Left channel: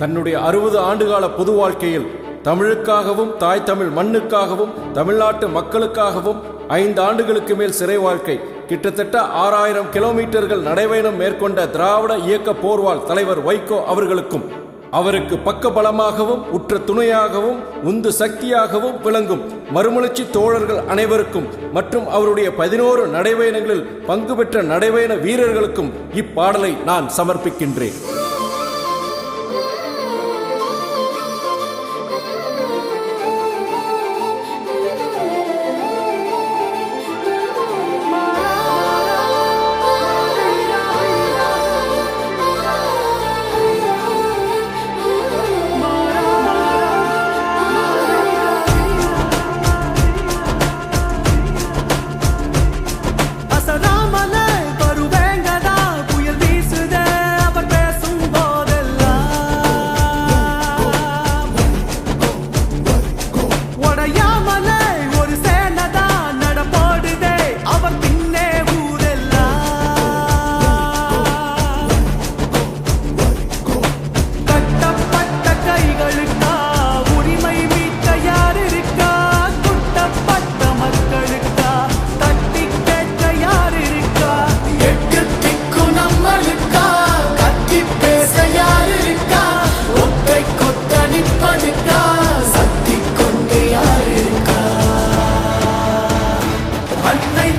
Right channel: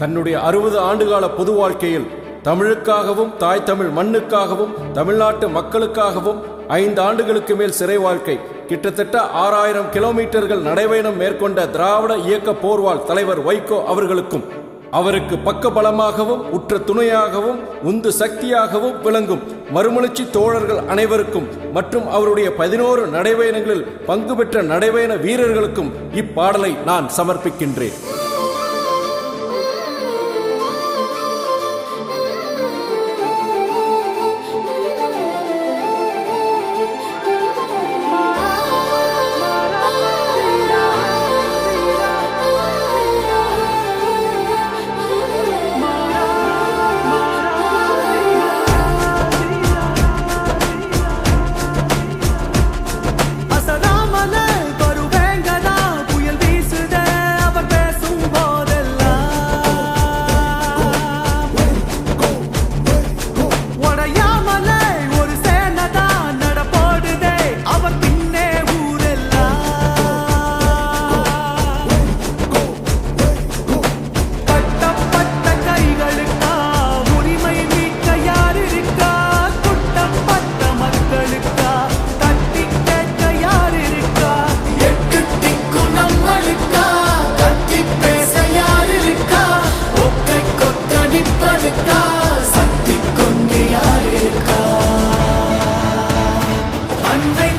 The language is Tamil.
தன்னுடைய அறுபது ஆண்டுகால பொது வாழ்க்கையில் தமிழுக்காகவும் தாய் தமிழ் மண்ணுக்காகவும் தமிழ்நாட்டு மக்களுக்காகவும் ஐந்து ஆண்டுகளுக்கு மேல் சிறை வாழ்க்கை கிட்டத்தட்ட ஆறாயிரம் கிலோமீட்டர்கள் நடைபயணம் மேற்கொண்ட திராவிட இயக்க போர்வால் தலைவர் வைகோ அவர்களுக்கும் அவருக்கு பக்க பலமாகவும் உற்ற துணையாகவும் உந்து சக்தியாகவும் விளங்கும் மறுமலர்ச்சி தோழர்கள் அனைவருக்கும் மற்றும் அவருடைய பதினோரு நடைபயணங்களில் பங்கு பெற்ற நடைபயண வீரர்களுக்கும் இப்பாடலை நான் சமர்ப்பிக்கின்றேன். அவர் பின்னே ஊரெல்லாம். கட்டப்பட்ட கைகளுக்கா உரிமை மீட்க யார் இருக்கா குட்டப்பட்ட மக்களுக்கா? தட்டி கேட்க யார் சக்தி கொண்டு யார் இருக்கா அன்னை